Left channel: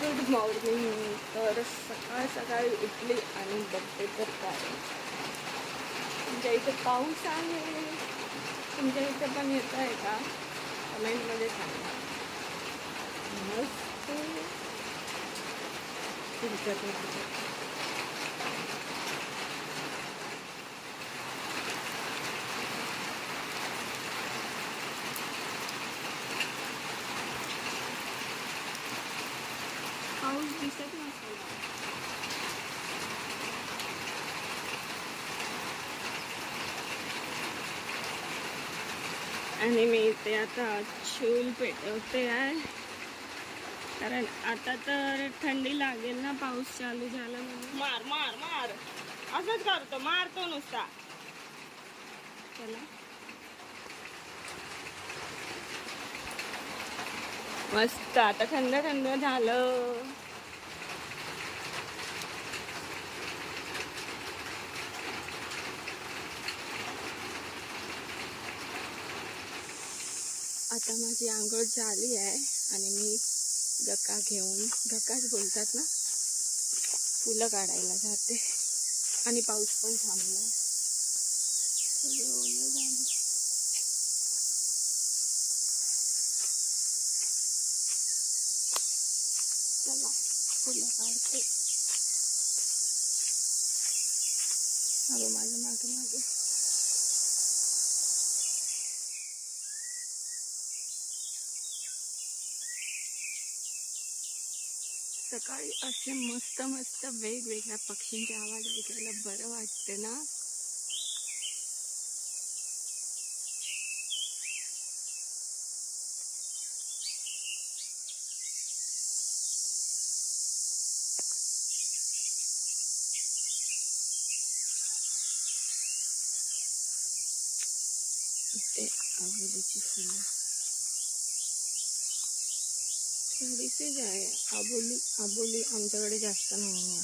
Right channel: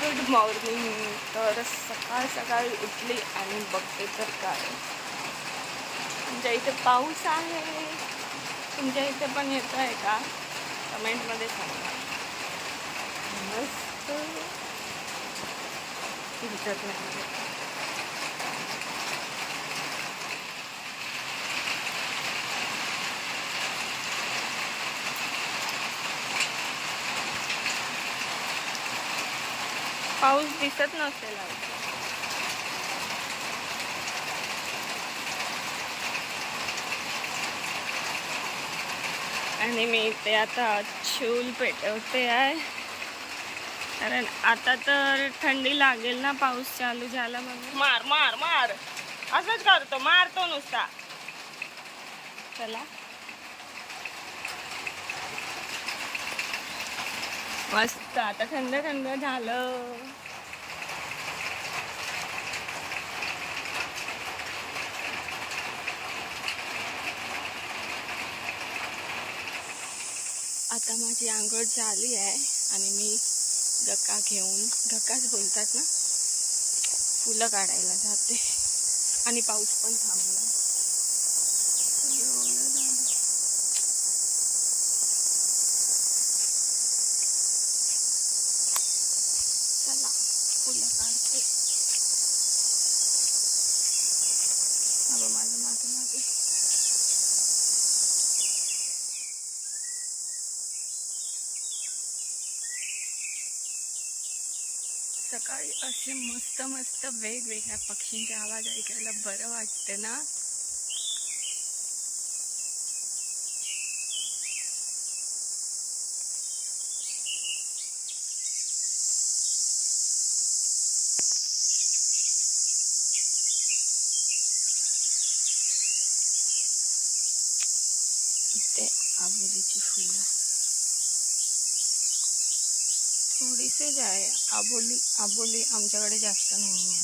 Good morning. तर सकाळ सकाळी उठली आणि बघते तर काय, तुमच्या इथे पाऊस आहे. तुमच्या इथे पण येत आहे का? कमेंटमध्ये सांगा. मस्त दिसत नाही. पाऊस दिसत नसेल. आणि मी इथे आता चूल पेटवते आहे, कारण आता तर थंडी लागेल ना, पाऊस चालू झाला म्हणून. मार मार मार असंच करतो, मारतो नुसता. चला मस्त आता थंड थंड झालं. आता माझी आंघोळ झाली आहे आणि मी गक्का घेऊन, गक्काच बोलतात ना, फुलं काढायला जाते. आणि पाऊस पण थांबला. चला फुलं काढते. अगं माझं मागे मागे. सकाळी असे मस्त मस्त वेगवेगळ्या पक्षींचे आवाज ऐकायला बरं वाटते ना. इथे आबोलीची फुलं थोडीशीच आहे. आबोली आमच्याकडे जास्त नाही आहे.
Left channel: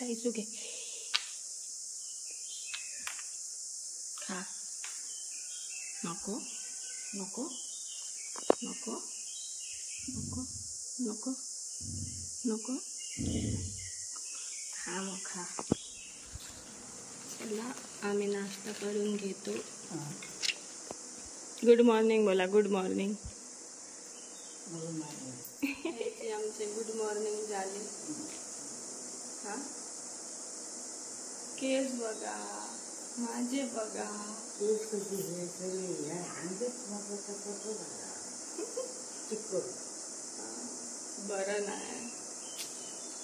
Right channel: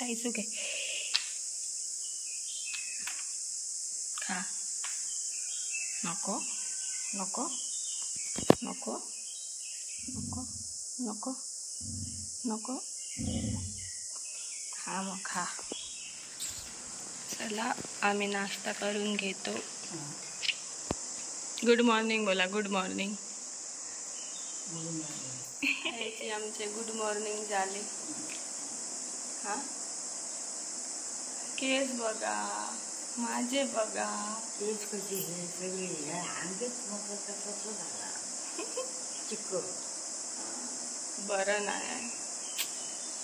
ताईसू घे, खा. नको नको नको नको नको नको, खा मग खा. चला आम्ही नाश्ता करून घेतो. गुड मॉर्निंग बोला. Good morning. आमचे गुड मॉर्निंग झाले. हा केस बघा, माझे बघा. केस कशी हे सगळे अंगच बरं नाही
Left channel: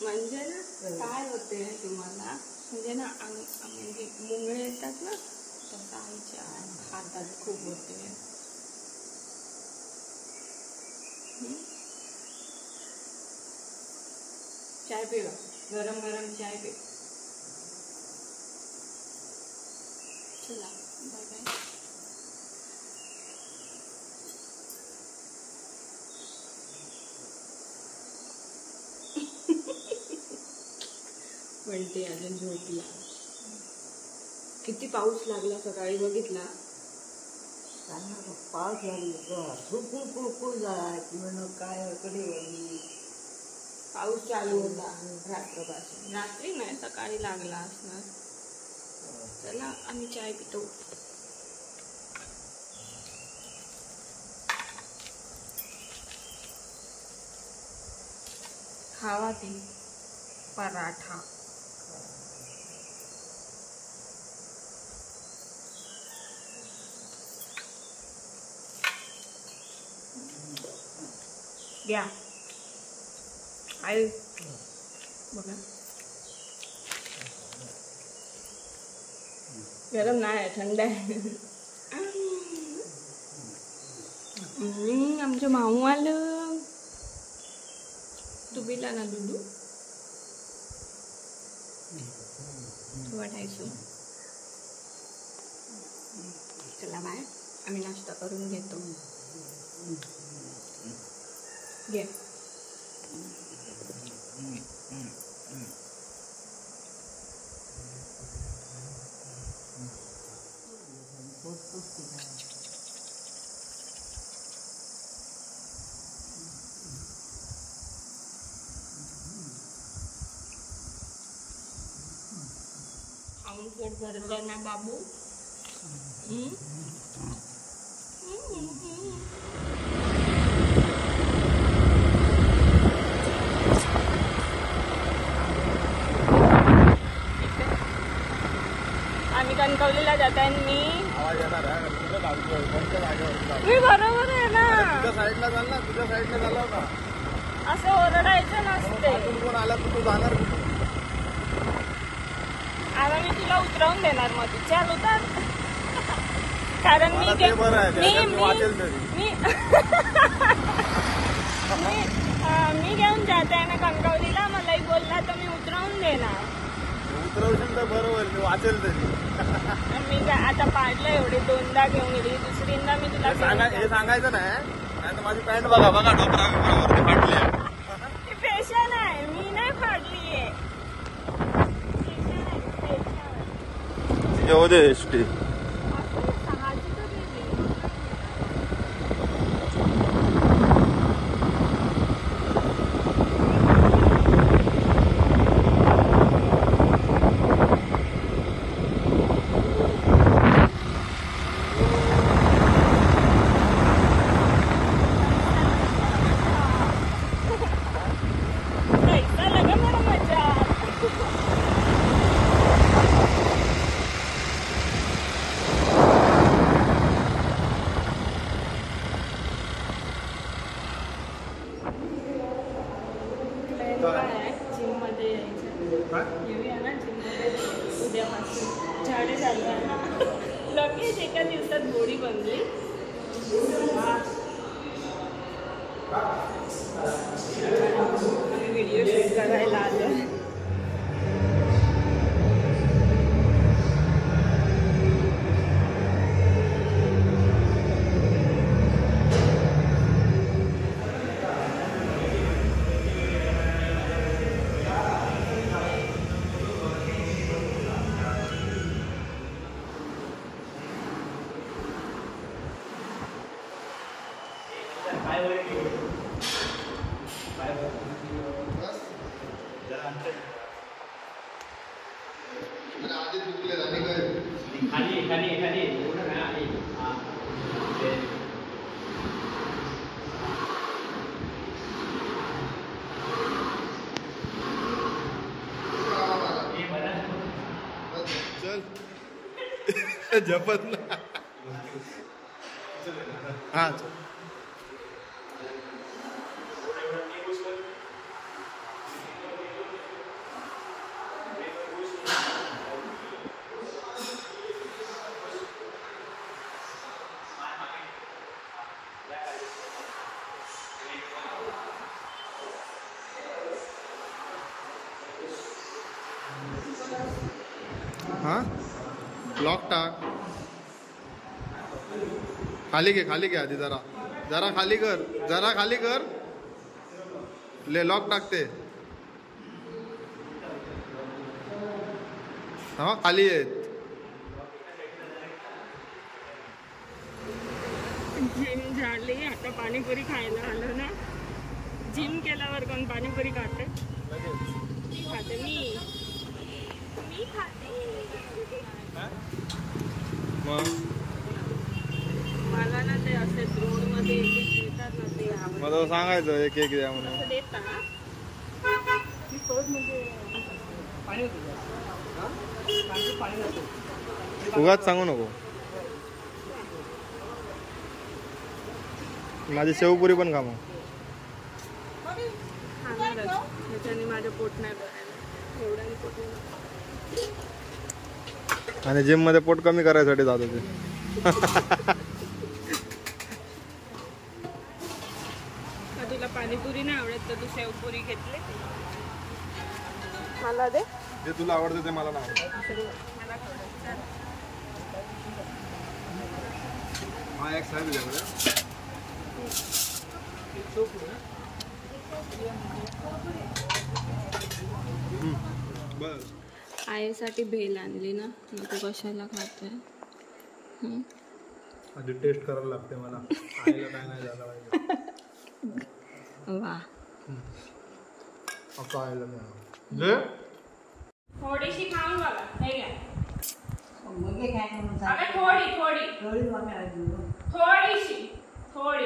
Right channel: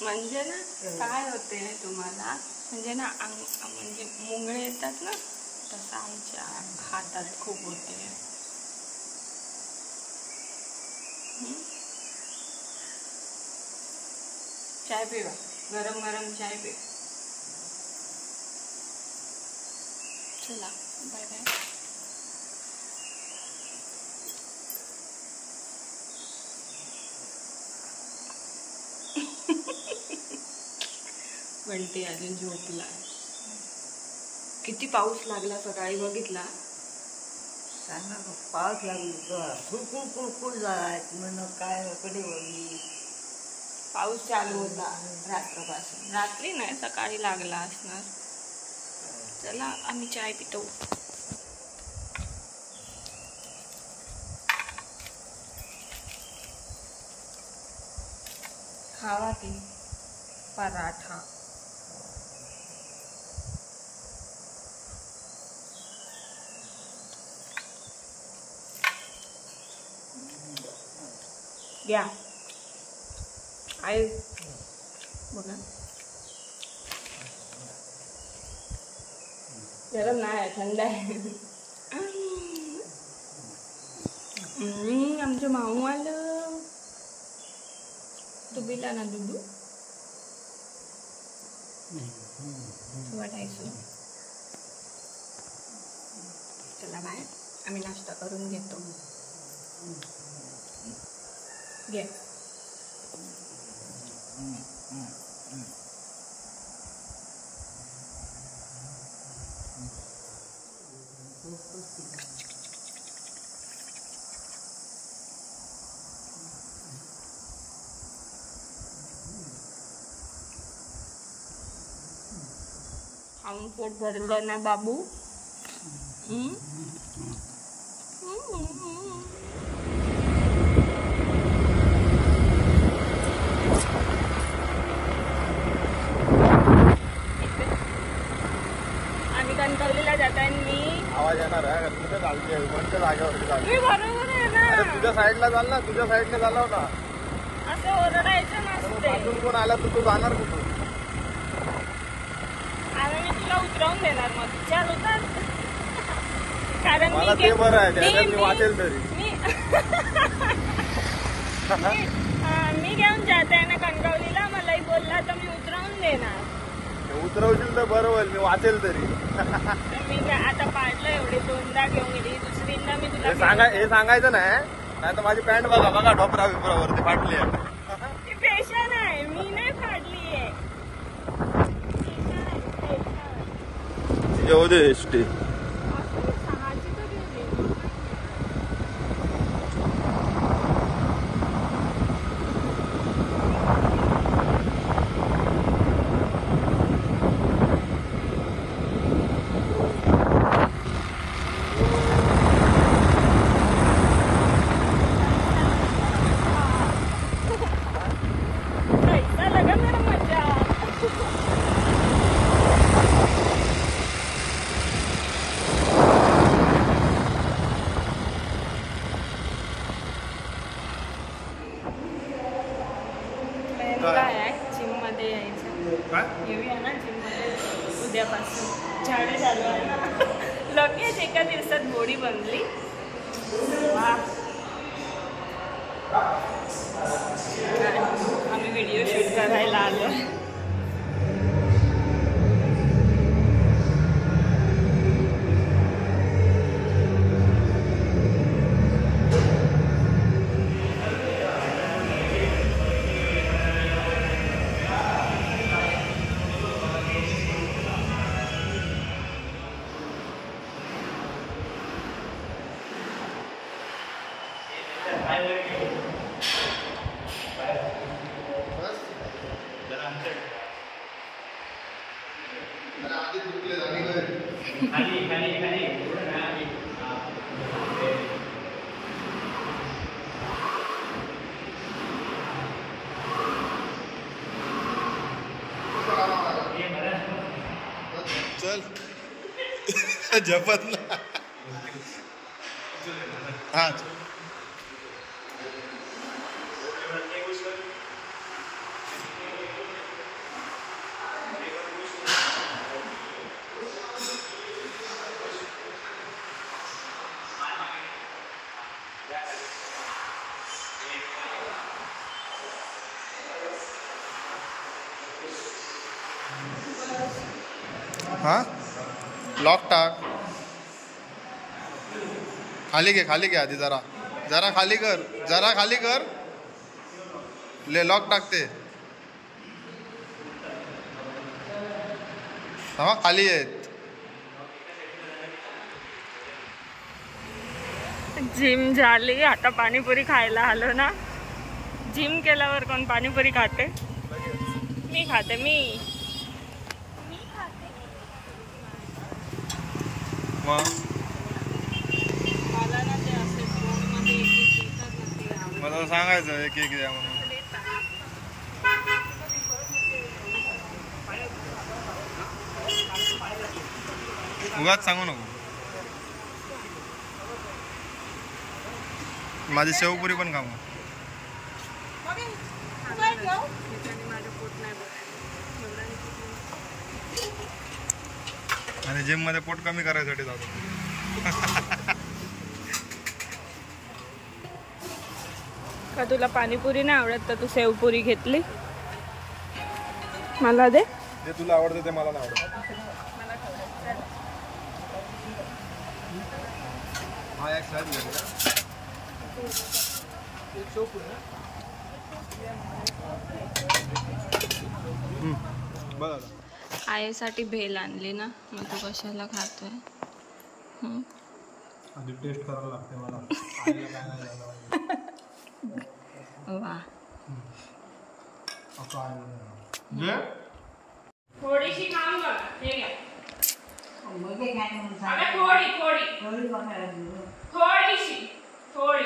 म्हणजे ना, काय होते तुम्हाला, म्हणजे ना म्हणजे मुंगळे येतात ना, तसं आईच्या हातात खूप होते. चाय पिवा, गरम गरम चाय पी. चला बाय बाय. म्हणते अजून झोपला. किती पाऊस लागला सकाळी, बघितला? पाऊस लागला, फुलफुल झाला म्हणून काय कडे वळली. पाऊस चालू होता रात्रपासून. रात्री नाही, सकाळी लागला असणार. चला आम्ही चाय पितो. खावा ती पराठा. घ्या आई बघा. गरम नाही आहे, थंड आहे. आमचं माऊ आलं. तू पिला ना दुधू वाटायचं. चला बाय, आम्ही नाश्ता करून घेतो. घे. खाऊन पोट भरलं ना बाबू. आणि कणकवलीला जाताय मी. आवाज येणार आहे तुझ्या गावची कोणत्या जागेवरती जाऊ. हे बरोबर आहे ना. तुझ्या साईडला चाल ना, तुझ्या साईडला झाला होता. असं ओरडायचं नसते. पाठून कोण आला तर तू जाणार कुठून? आता मी तुला उतरवून देणार मग तू चाल उतर. कारण मला ते बरं आहे, त्याच्यात मी वाचेल तरी. मी घेऊन जात आहे ना कणकवलीला. मलाही बोलला तर मी उतरवून देणार. उतरवशील तर बरं होईल, मी वाचेल तरी. मी आता पाडलं एवढे 2दा घेऊन गेली. दुसरींदा मी तुला हे सांगायचं नाही तर माझी पॅन्ट बघा बघा ढोपरा बिपरावरती फाटली. पेशा नाही, मी नाही फाडली. जेवू दे एसटी. जिम मध्ये यायचं. येऊया ना जिम मध्ये उद्यापासून. झाडे चालू आहे ना. लगेच एका दिवसात बॉडी बनली. आम्ही व्हिडिओ शूट करायला आलो. चल जपत ना. हा हा लॉक टाक. खाली घे आधी जरा जरा खाली कर ले. लॉक टाकते. हा खाली आहेत. जिम झाली. आता पाणीपुरी खायला आलो ना. जिम केल्यावर कोण पाणीपुरी खाते? मी खाते. मी खाते. मला ना ते असे रोड मध्ये एक येतात ना ते. मला सांगायचं एक द्या म्हणून. उगाच सांगू नको. माझी शेवपुरी पण खा मग. आणि जिम मध्ये पोट कमी करायसाठी जात होते. का तुला पाणीपुरी नाही आवडत तर तू शेवपुरी घेतली? मला दे. जे तुला आवडतं ते मला नाही आवडत. हा एक आहे तुझ्याकडे. बघा आईसाठी भेल आणली ना, मग तू कशाला खातोय? आधी टेस्ट करायला लागते मला. आईला काय नाही झालं पाहिजे. वा. असं आईला नाही. थोडीशी खाऊन बघा. हे घ्या. मध्ये काय म्हणून आता सांग. थोडी थोडी थोडी वाटायला लागली. थोडीशी थोडी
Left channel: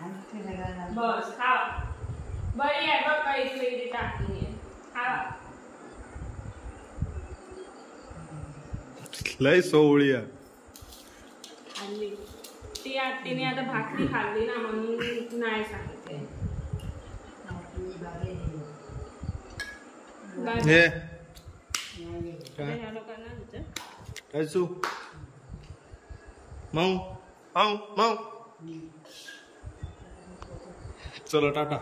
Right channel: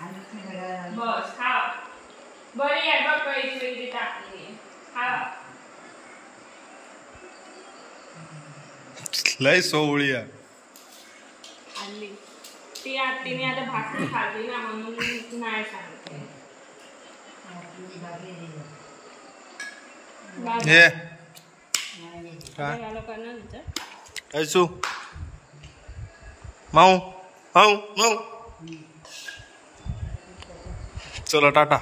आणि ते सगळ्याला बस खावा. बरी आहे बघ काही टाकली खावा. लय सोवळी आहे. खाल्ली ती तिने आता भाकरी खाल्ली ना म्हणून नाही सांगते. आपली बागे दिली. हे नाही. काय या लोकांना विचार. कैसू माऊ माऊ माऊ चलो टाटा.